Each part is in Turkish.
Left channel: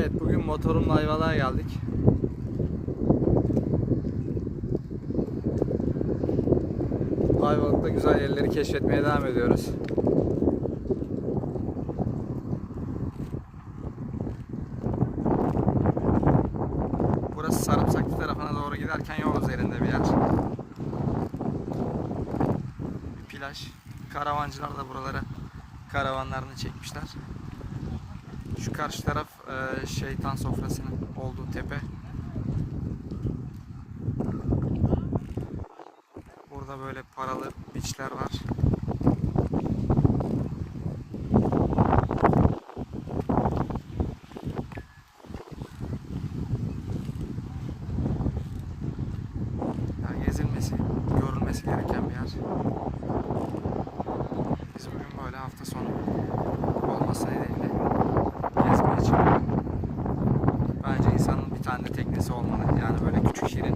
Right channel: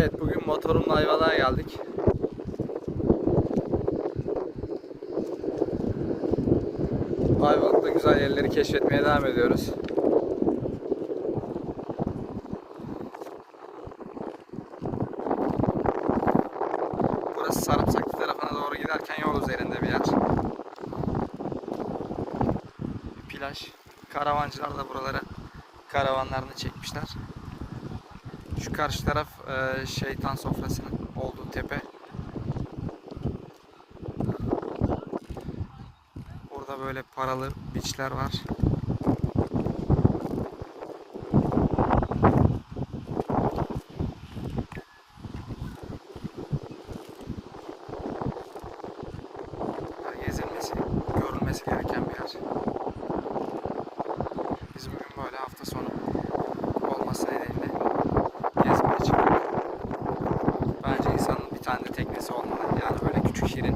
Evet bugün motorumla Ayvalık'a geldik. Ayvalık'ta güzel yerleri keşfetmeye devam ediyoruz. Burası Sarımsaklı tarafına doğru giderken yol üzerinde bir yer. Bir plaj. Karavancılar da buralara karavanlarını çekmişler. Şu karşı taraf e, şeytan sofrasının olduğu tepe. Burada böyle paralı biçler var. Gezilmesi, görülmesi gereken bir yer. Biz bugün böyle hafta sonu olması nedeniyle gezmeye çıktık. Bence insanın bir tane de teknesi olmalı. Yani böyle küçük şirin.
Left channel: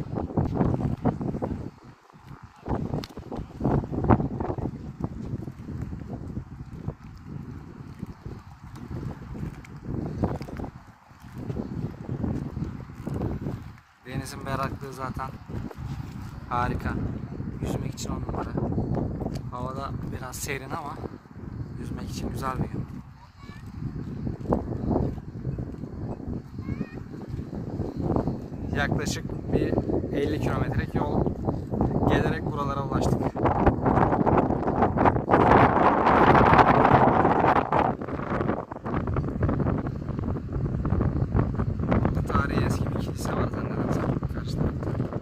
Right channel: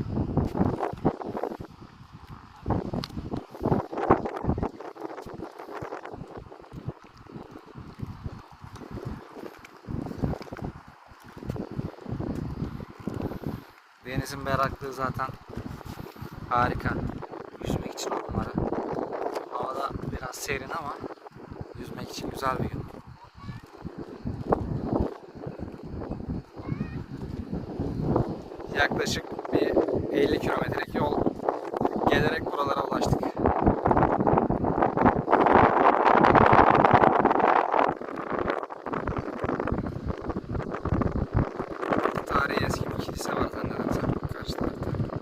Denizin berraklığı zaten harika. Yüzmek için on numara. Havada biraz serin ama yüzmek için güzel bir gün. yaklaşık bir 50 kilometrelik yol gelerek buralara ulaştık. Tarihi eski bir kilise var. Anladım karşı tarafta.